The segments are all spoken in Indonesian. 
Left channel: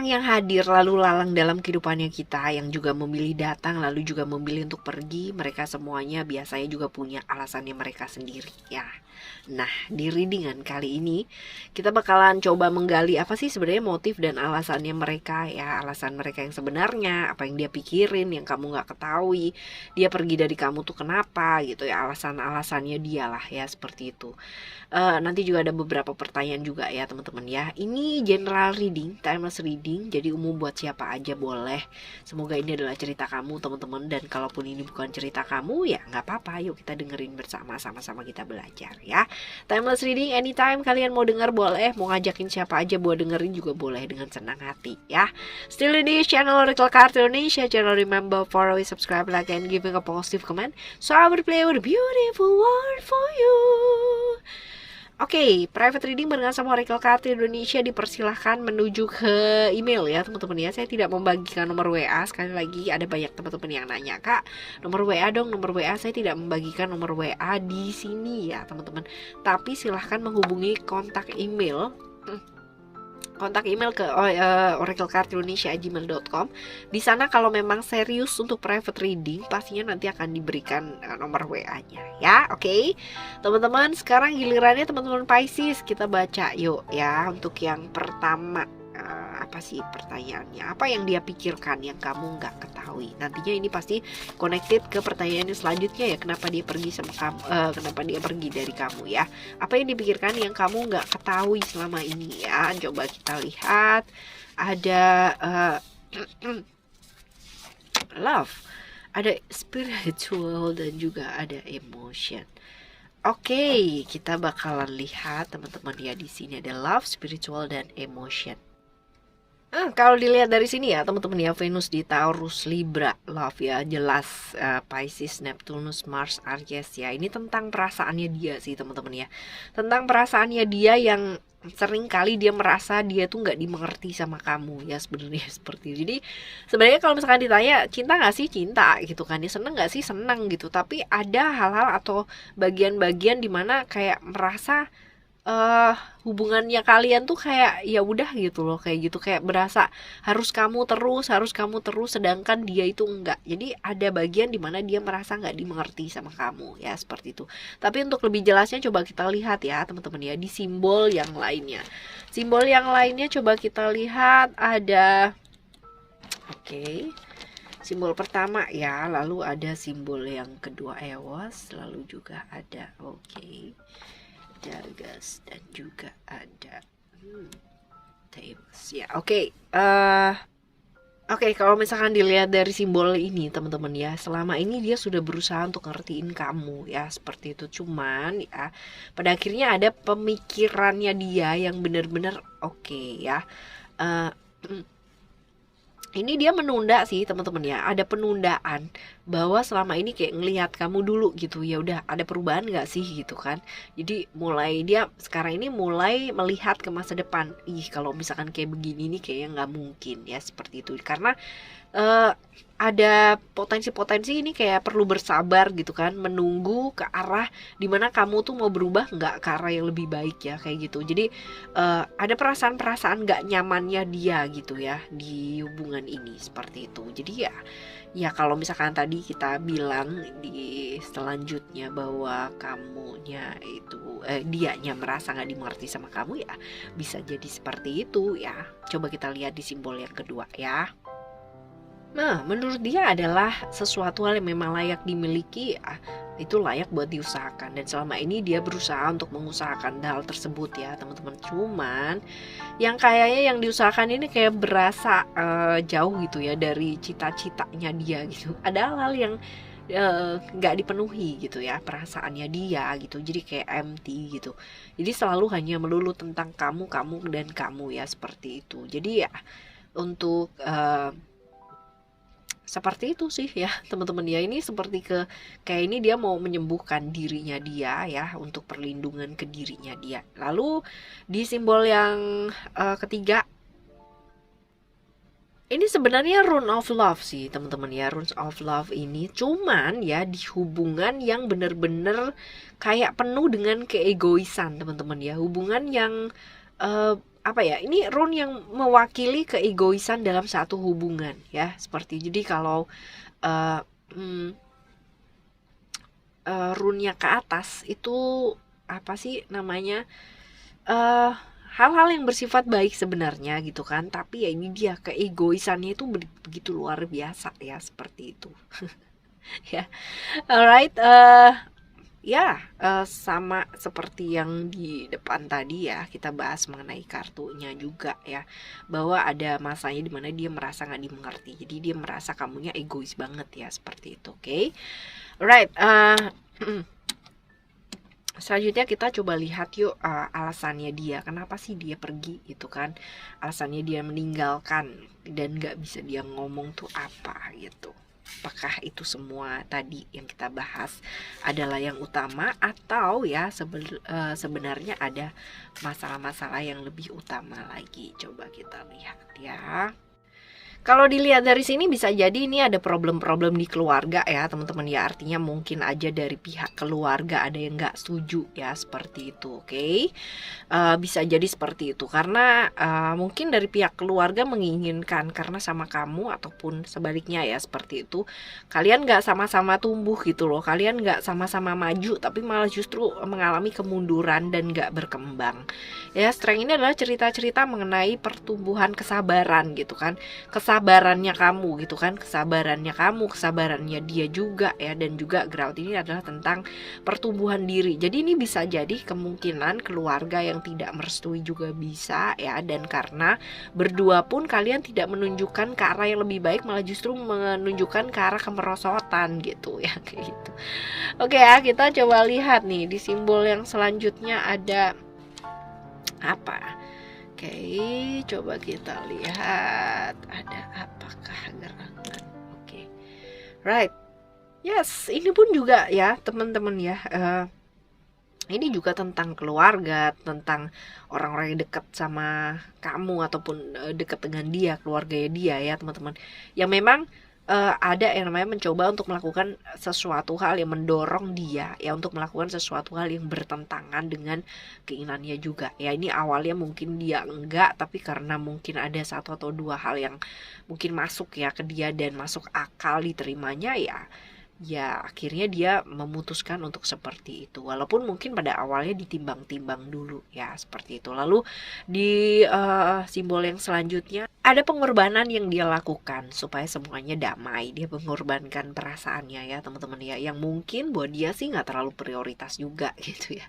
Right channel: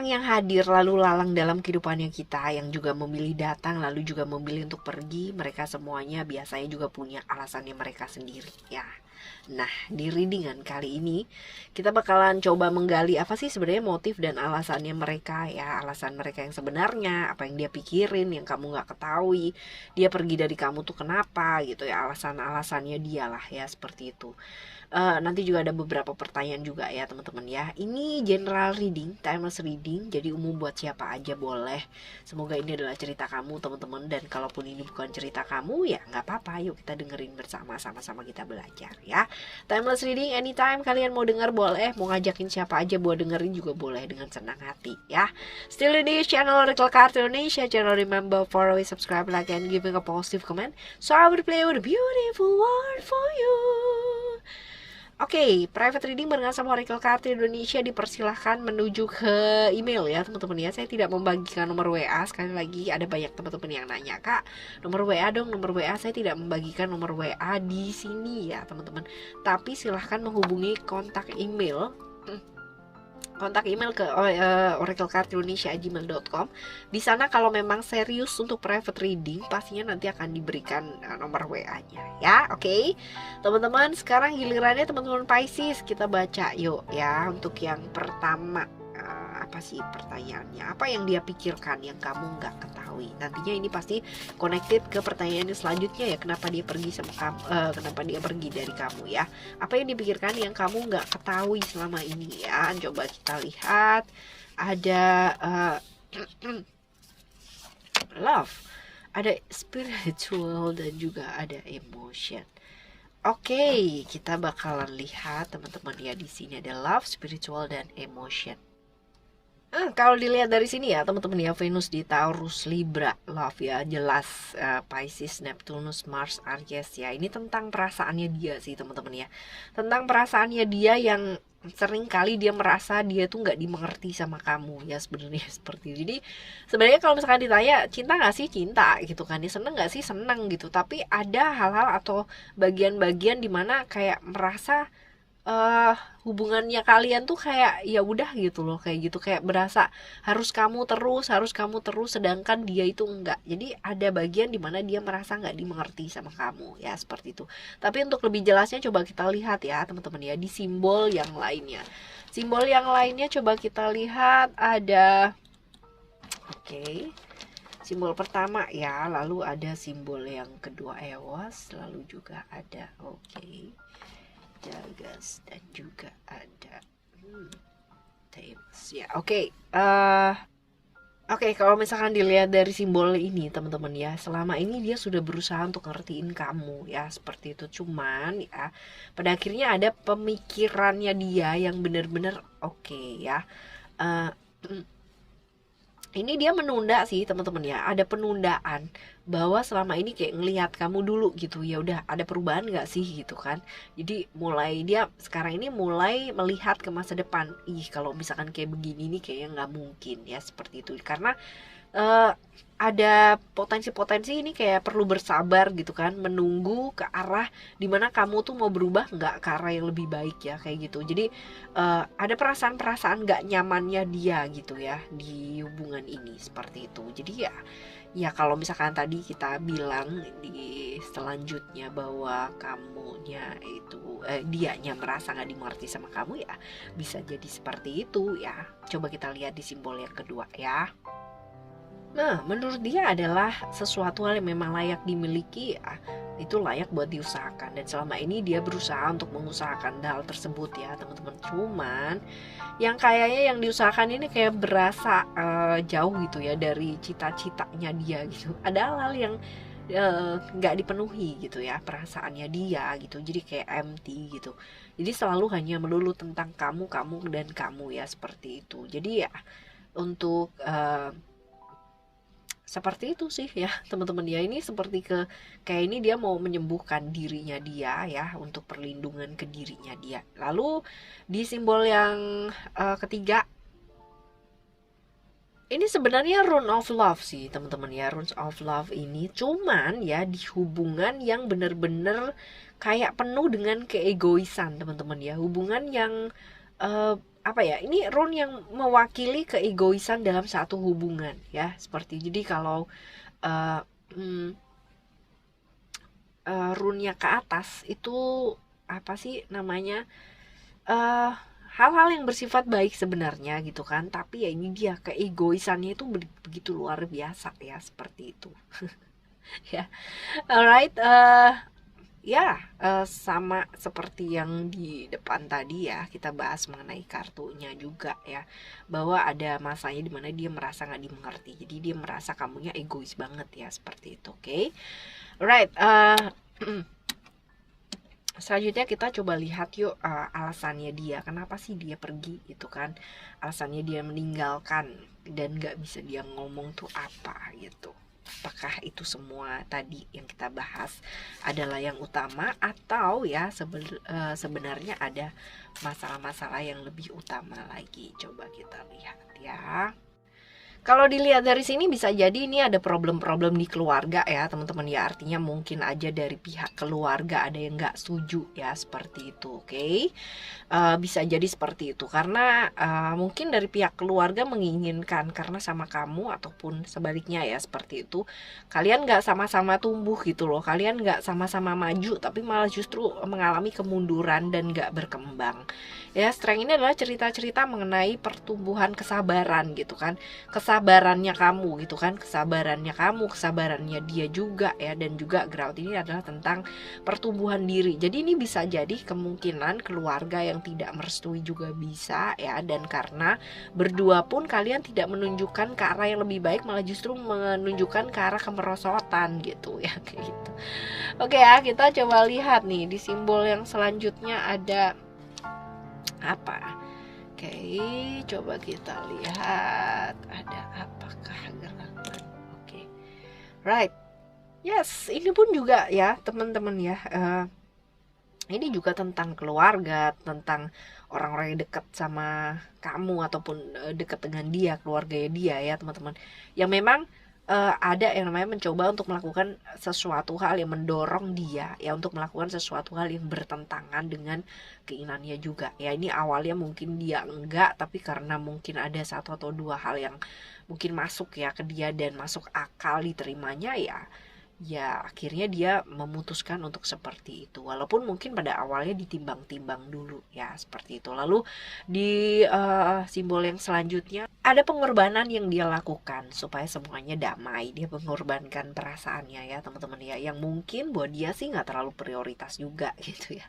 orang yang hadir lalu lalang dalam kehidupannya kita, yang juga memilih datang lalu juga memilih untuk pergi, mereka semuanya biasanya juga punya alasannya mereka sendiri ya. Nah, di readingan kali ini kita bakalan coba menggali apa sih sebenarnya motif dan alasannya mereka ya, alasan mereka yang sebenarnya, apa yang dia pikirin yang kamu nggak ketahui, dia pergi dari kamu tuh kenapa gitu ya, alasan-alasannya dia lah ya, seperti itu. Nanti juga ada beberapa pertanyaan juga ya teman-teman ya. Ini general reading, timeless reading, jadi umum buat siapa aja boleh. Semoga ini adalah cerita kamu teman-teman, dan kalaupun ini bukan cerita kamu ya nggak apa-apa, yuk kita dengerin bersama, sama-sama kita belajar ya. Timeless reading anytime kalian mau denger boleh, mau ngajakin siapa aja buat dengerin juga boleh dengan senang hati ya. Still di channel Oracle Card Indonesia, channel remember follow, subscribe, like, and giving a positive comment, so I will play with a beautiful world for you. Oke, private reading barengan sama Oracle Card Indonesia dipersilahkan menuju ke email ya teman-teman ya. Saya tidak membagikan nomor WA. Sekali lagi ada banyak teman-teman yang nanya, "Kak, nomor WA dong, nomor WA." Saya tidak membagikan nomor WA di sini ya teman-teman. Tapi silahkan menghubungi kontak email ke oraclecardindonesia@gmail.com. Di sana kalau memang serius untuk private reading, pastinya nanti akan diberikan nomor WA-nya ya. Oke. Teman-teman, sekarang gilirannya teman-teman Pisces, kita baca yuk ya. Untuk yang pertama, apa sih pertanyaannya? Apa yang dia pikirkan yang kamu nggak ketahui? Nantinya ini pasti connected ke pertanyaan selanjutnya ya. Kenapa dia pergi sama kamu? Kenapa dia pergi dari kamu ya? Apa yang dipikirkan yang kamu nggak ketahui selama ini ya? Coba kita lihat. Ada love, ada spiritual, dan juga ada emotion. Oke, kita bakalan lihat teman-teman ya, di sini ada love, spiritual, dan emotion. Kalau dilihat dari sini ya teman-teman ya, Venus di Taurus, Libra, love ya, jelas Pisces, Neptunus, Mars, Aries ya. Ini tentang perasaannya dia sih teman-teman ya. Tentang perasaannya dia yang sering kali dia merasa dia tuh nggak dimengerti sama kamu ya, sebenarnya seperti itu. Jadi sebenarnya kalau misalkan ditanya cinta nggak sih, cinta gitu kan, dia seneng nggak sih, seneng gitu. Tapi ada hal-hal atau bagian-bagian dimana kayak merasa hubungannya kalian tuh kayak ya udah gitu loh, kayak gitu, kayak berasa harus kamu terus, sedangkan dia itu enggak. Jadi ada bagian dimana dia merasa nggak dimengerti sama kamu ya, seperti itu. Tapi untuk lebih jelasnya coba kita lihat ya teman-teman ya, di simbol yang lainnya. Simbol yang lainnya coba kita lihat ada, oke, simbol pertama ya, lalu ada simbol yang kedua Eos, lalu juga ada Dagas, dan juga ada Tails ya. Oke, kalau misalkan dilihat dari simbol ini teman-teman ya, selama ini dia sudah berusaha untuk ngertiin kamu ya, seperti itu. Cuman ya pada akhirnya ada pemikirannya dia yang benar-benar ya. Ini dia menunda sih teman-teman ya, ada penundaan bahwa selama ini kayak ngelihat kamu dulu gitu ya, udah ada perubahan nggak sih gitu kan. Jadi mulai dia sekarang ini mulai melihat ke masa depan, kalau misalkan kayak begini nih kayaknya nggak mungkin ya, seperti itu. Karena ada potensi-potensi ini kayak perlu bersabar gitu kan, menunggu ke arah dimana kamu tuh mau berubah nggak ke arah yang lebih baik ya, kayak gitu. Jadi ada perasaan-perasaan nggak nyamannya dia gitu ya di hubungan ini, seperti itu. Jadi ya kalau misalkan tadi kita bilang di selanjutnya bahwa kamunya itu dianya merasa nggak dimengerti sama kamu ya, bisa jadi seperti itu ya. Coba kita lihat di simbol yang kedua ya. Nah, menurut dia adalah sesuatu hal yang memang layak dimiliki ya, itu layak buat diusahakan. Dan selama ini dia berusaha untuk mengusahakan hal tersebut ya teman-teman. Cuman yang kayaknya yang diusahakan ini kayak berasa jauh gitu ya dari cita-citanya dia gitu. Ada hal-hal yang nggak dipenuhi gitu ya, perasaannya dia gitu. Jadi kayak empty gitu. Jadi selalu hanya melulu tentang kamu dan kamu ya, seperti itu. Jadi ya untuk seperti itu sih ya teman-teman ya. Ini seperti kayak ini dia mau menyembuhkan dirinya dia ya, untuk perlindungan ke dirinya dia. Lalu di simbol yang ketiga, ini sebenarnya rune of love sih teman-teman ya. Rune of love ini cuman ya di hubungan yang bener-bener kayak penuh dengan keegoisan teman-teman ya. Hubungan yang apa ya, ini rune yang mewakili keegoisan dalam satu hubungan ya, seperti jadi kalau uh, hmm, rune-nya ke atas itu apa sih namanya, eh hal-hal yang bersifat baik sebenarnya gitu kan, tapi ya ini dia keegoisannya itu begitu luar biasa ya, seperti itu. Ya, alright, ya, sama seperti yang di depan tadi ya, kita bahas mengenai kartunya juga ya, bahwa ada masanya dimana dia merasa nggak dimengerti, jadi dia merasa kamunya egois banget ya, seperti itu. Oke, alright, selanjutnya kita coba lihat yuk, alasannya dia, kenapa sih dia pergi gitu kan, alasannya dia meninggalkan dan nggak bisa dia ngomong tuh apa gitu. Apakah itu semua tadi yang kita bahas adalah yang utama, atau ya sebenarnya ada masalah-masalah yang lebih utama lagi? Coba kita lihat ya. Kalau dilihat dari sini bisa jadi ini ada problem-problem di keluarga ya teman-teman ya, artinya mungkin aja dari pihak keluarga ada yang nggak setuju ya, seperti itu. Oke, bisa jadi seperti itu karena mungkin dari pihak keluarga menginginkan karena sama kamu, ataupun sebaliknya ya, seperti itu, kalian nggak sama-sama tumbuh gitu loh, kalian nggak sama-sama maju, tapi malah justru mengalami kemunduran dan nggak berkembang ya. Strength ini adalah cerita-cerita mengenai pertumbuhan kesabaran gitu kan, kesabarannya kamu gitu kan, kesabarannya kamu, kesabarannya dia juga ya, dan juga ground ini adalah tentang pertumbuhan diri. Jadi ini bisa jadi kemungkinan keluarga yang tidak merestui juga bisa ya, dan karena berdua pun kalian tidak menunjukkan ke arah yang lebih baik, malah justru menunjukkan ke arah kemerosotan gitu ya, kayak gitu. Oke ya, kita coba lihat nih di simbol yang selanjutnya ada apa. Oke, coba kita lihat ada apakah gerangan. Oke, right, yes, ini pun juga ya teman-teman ya, ini juga tentang keluarga, tentang orang-orang yang dekat sama kamu ataupun dekat dengan dia, keluarganya dia ya teman-teman, yang memang ada yang namanya mencoba untuk melakukan sesuatu hal yang mendorong dia ya untuk melakukan sesuatu hal yang bertentangan dengan keinginannya juga ya. Ini awalnya mungkin dia enggak, tapi karena mungkin ada satu atau dua hal yang mungkin masuk ya ke dia dan masuk akal diterimanya ya akhirnya dia memutuskan untuk seperti itu, walaupun mungkin pada awalnya ditimbang-timbang dulu ya, seperti itu. Lalu di simbol yang selanjutnya ada pengorbanan yang dia lakukan supaya semuanya damai. Dia mengorbankan perasaannya ya teman-teman ya, yang mungkin buat dia sih nggak terlalu prioritas juga gitu ya,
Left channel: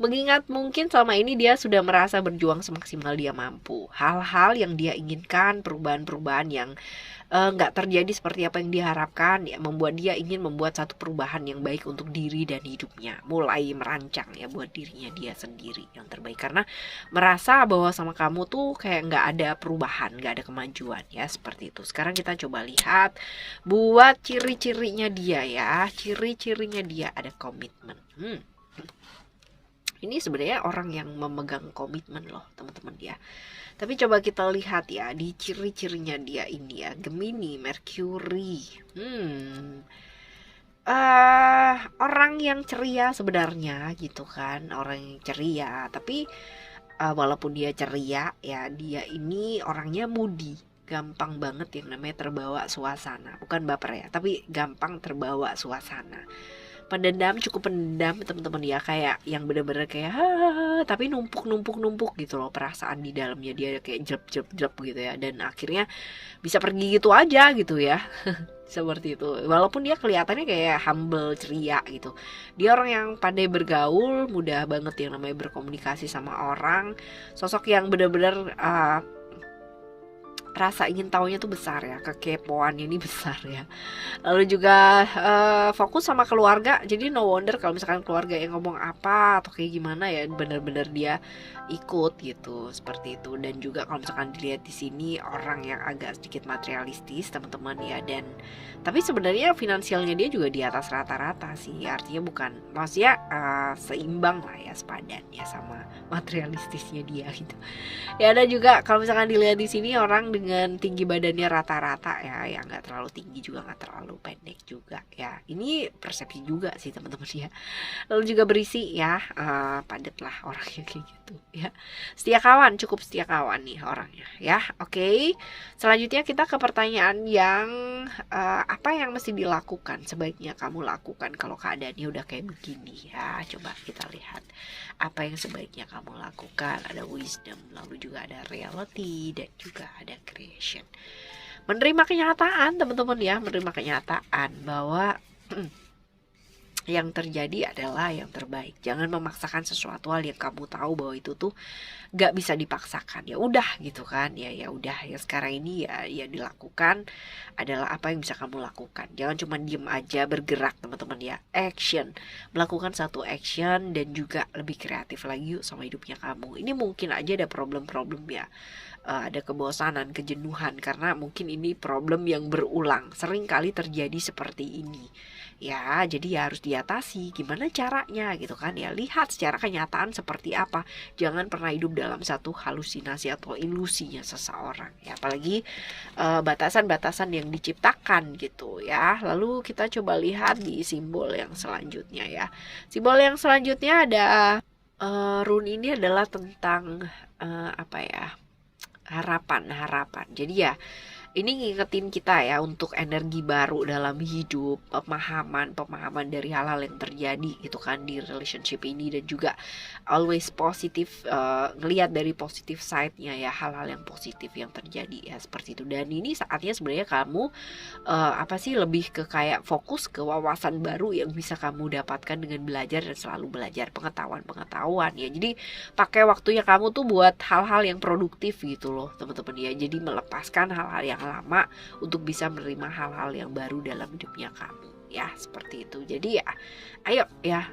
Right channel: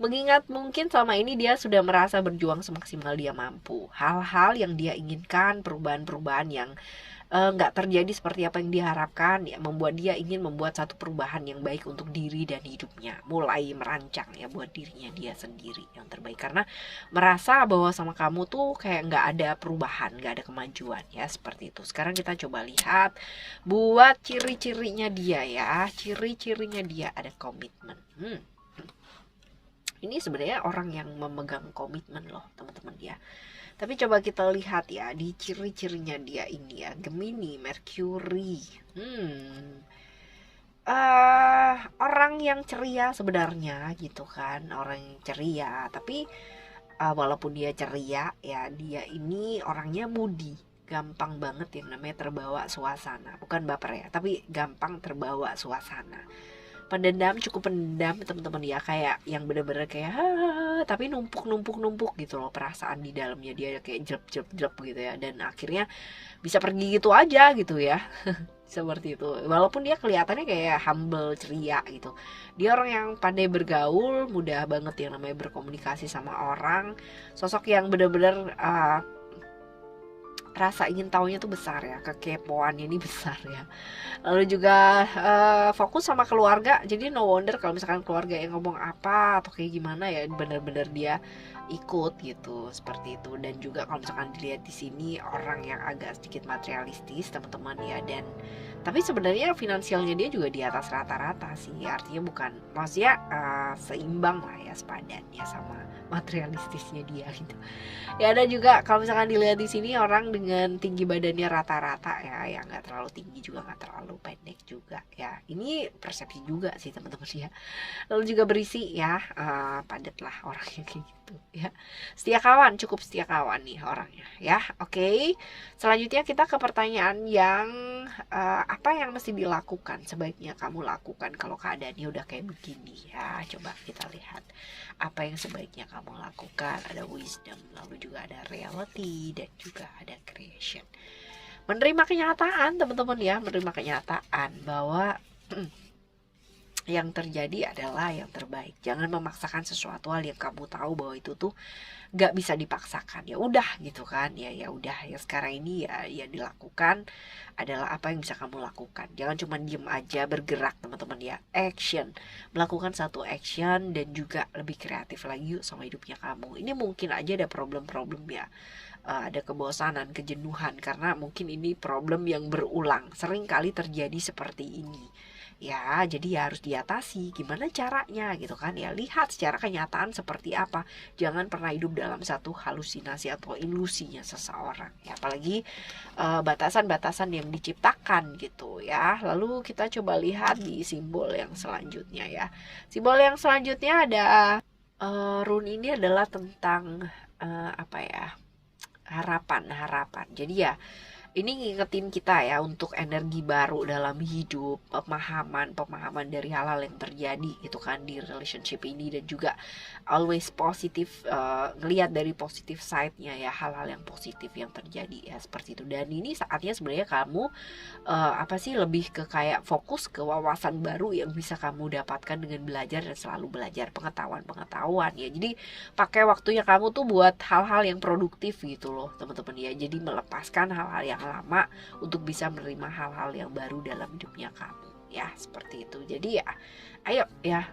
mengingat mungkin selama ini dia sudah merasa berjuang semaksimal dia mampu. Hal-hal yang dia inginkan, perubahan-perubahan yang nggak terjadi seperti apa yang diharapkan ya, membuat dia ingin membuat satu perubahan yang baik untuk diri dan hidupnya, mulai merancang ya buat dirinya dia sendiri yang terbaik, karena merasa bahwa sama kamu tuh kayak nggak ada perubahan, nggak ada kemajuan ya, seperti itu. Sekarang kita coba lihat buat ciri-cirinya dia ya. Ciri-cirinya dia ada komitmen. Ini sebenarnya orang yang memegang komitmen loh teman-teman ya. Tapi coba kita lihat ya di ciri-cirinya dia ini ya, Gemini, Mercury. Orang yang ceria sebenarnya gitu kan, orang yang ceria. Tapi walaupun dia ceria ya, dia ini orangnya moody, gampang banget yang namanya terbawa suasana. Bukan baper ya, tapi gampang terbawa suasana. Pendendam, cukup pendendam teman-teman ya, kayak yang bener-bener kayak tapi numpuk gitu loh perasaan di dalamnya dia, kayak jelep gitu ya, dan akhirnya bisa pergi gitu aja gitu ya. Seperti itu, walaupun dia kelihatannya kayak humble, ceria gitu. Dia orang yang pandai bergaul, mudah banget yang namanya berkomunikasi sama orang, sosok yang bener-bener rasa ingin tahunya tuh besar ya, kekepoannya ini besar ya. Lalu juga fokus sama keluarga, jadi no wonder kalau misalkan keluarga yang ngomong apa atau kayak gimana ya, benar-benar dia ikut gitu, seperti itu. Dan juga kalau misalkan dilihat di sini orang yang agak sedikit materialistis teman-teman ya, dan Tapi sebenarnya finansialnya dia juga di atas rata-rata sih, artinya bukan, maksudnya seimbang lah ya sepadannya sama materialistisnya dia gitu. Ya ada juga kalau misalkan dilihat di sini orang dengan tinggi badannya rata-rata ya, yang nggak terlalu tinggi juga nggak terlalu pendek juga ya. Ini persepsi juga sih teman-teman ya. Lalu juga berisi ya, padat lah orangnya kayak gitu ya. Setia kawan, cukup setia kawan nih orangnya ya. Oke. Selanjutnya kita ke pertanyaan yang apa yang mesti dilakukan, sebaiknya kamu lakukan kalau keadaannya udah kayak begini ya. Coba kita lihat apa yang sebaiknya kamu lakukan. Ada wisdom, lalu juga ada reality, dan juga ada creation. Menerima kenyataan teman-teman ya, menerima kenyataan bahwa yang terjadi adalah yang terbaik. Jangan memaksakan sesuatu hal yang kamu tahu bahwa itu tuh gak bisa dipaksakan. Ya udah gitu kan, ya udah ya sekarang ini ya dilakukan adalah apa yang bisa kamu lakukan. Jangan cuma diem aja, bergerak teman-teman ya. Action, melakukan satu action dan juga lebih kreatif lagi yuk sama hidupnya kamu. Ini mungkin aja ada problem-problem ya. Ada kebosanan, kejenuhan karena mungkin ini problem yang berulang. Sering kali terjadi seperti ini. Ya, jadi ya harus diatasi. Gimana caranya gitu kan ya. Lihat secara kenyataan seperti apa. Jangan pernah hidup dalam satu halusinasi atau ilusinya seseorang ya. Apalagi batasan-batasan yang diciptakan gitu ya. Lalu kita coba lihat di simbol yang selanjutnya ya. Simbol yang selanjutnya ada rune ini adalah tentang apa ya? Harapan. Jadi ya ini ngingetin kita ya untuk energi baru dalam hidup, pemahaman dari hal-hal yang terjadi gitu kan di relationship ini, dan juga always positif, ngelihat dari positif side-nya ya, hal-hal yang positif yang terjadi ya seperti itu. Dan ini saatnya sebenarnya kamu lebih ke kayak fokus ke wawasan baru yang bisa kamu dapatkan dengan belajar dan selalu belajar pengetahuan ya. Jadi pakai waktunya kamu tuh buat hal-hal yang produktif gitu loh teman-teman ya. Jadi melepaskan hal-hal yang lama untuk bisa menerima hal-hal yang baru dalam hidupnya kamu ya, seperti itu. Jadi ya ayo ya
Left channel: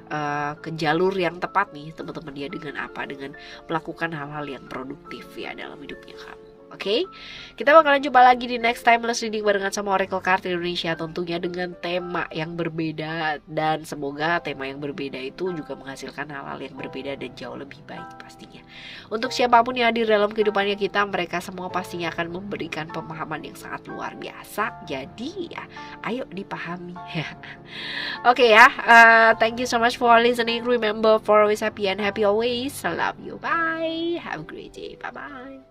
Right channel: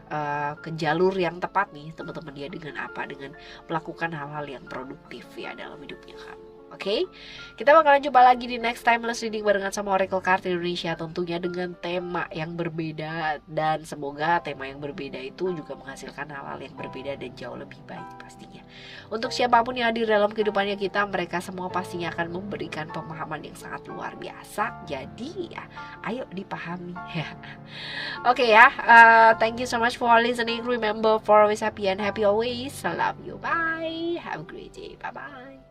ke jalur yang tepat nih teman-teman ya, dengan apa, dengan melakukan hal-hal yang produktif ya dalam hidupnya kamu. Oke, kita bakalan coba lagi di next timeless reading barengan sama Oracle Card Indonesia, tentunya dengan tema yang berbeda, dan semoga tema yang berbeda itu juga menghasilkan hal-hal yang berbeda dan jauh lebih baik pastinya. Untuk siapapun yang hadir dalam kehidupannya kita, mereka semua pastinya akan memberikan pemahaman yang sangat luar biasa. Jadi ya, ayo dipahami ya. Oke ya, thank you so much for listening. Remember, for always happy and happy always. I love you. Bye. Have a great day. Bye bye.